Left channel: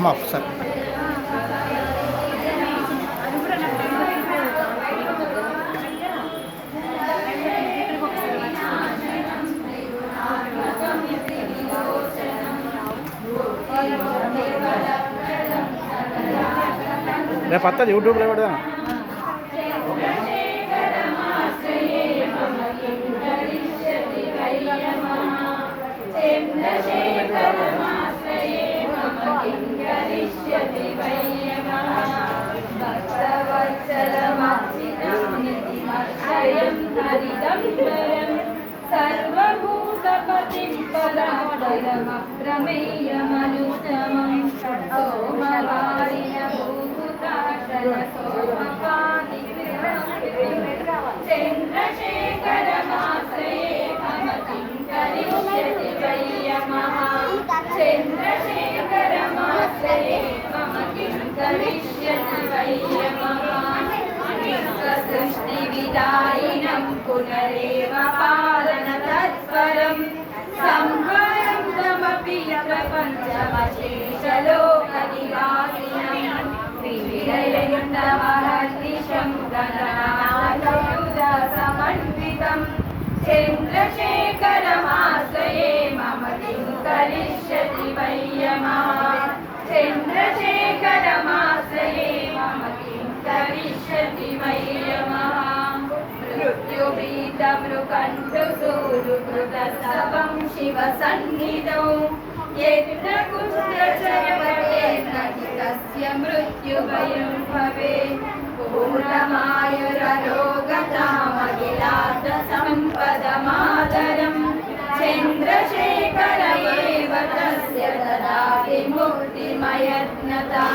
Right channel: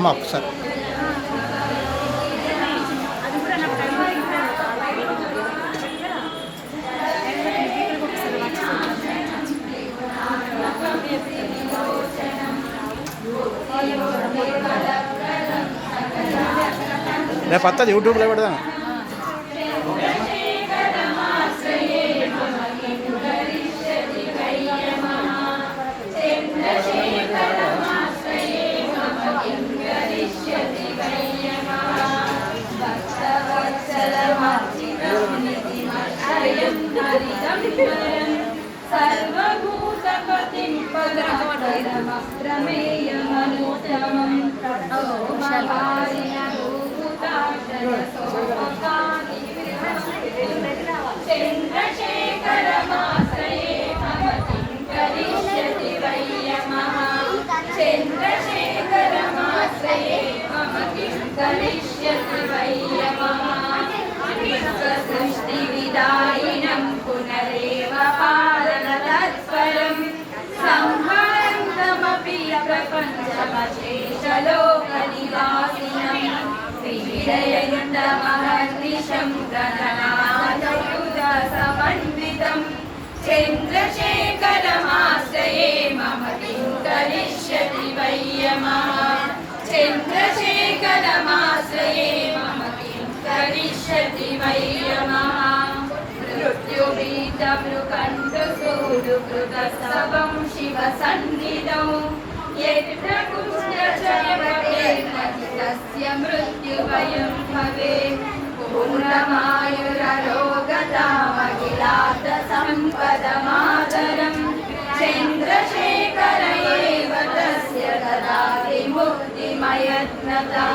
అమ్మ ఒకసారి రేపు వస్తుంది యూట్యూబ్లో పెడదాం. सर्वभूतपतिं प्रमेयमनुत्तमं चन्द्रशेखरमाश्रये मम किं करिष्यति वै यमः चन्द्रशेखरमाश्रये मम किं करिष्यति वै यमः सृष्टिविदायिनं पुनरेव पालनतत्परं संहरन्तमपि प्रपञ्चमशेषलोकनिवासिनं त्रिविधयन्तमहर्निशं गगनायुधसमन्वितं चन्द्रशेखरमाश्रये मम किं करिष्यति वै यमः चन्द्रशेखरमाश्रये मम किं करिष्यति वै यमः मृत्युभीतमृकण्ठसूरुकृतस्तवं शिवसन्निधौ यत्र कुष्ठचरपटेर्नचितस्य मृत्युभयं भवेत् पूर्णमायुरारोगतामखिलार्थसम्पदमातरं चन्द्रशेखर एव तस्य ददाति मुक्तिमयत्नता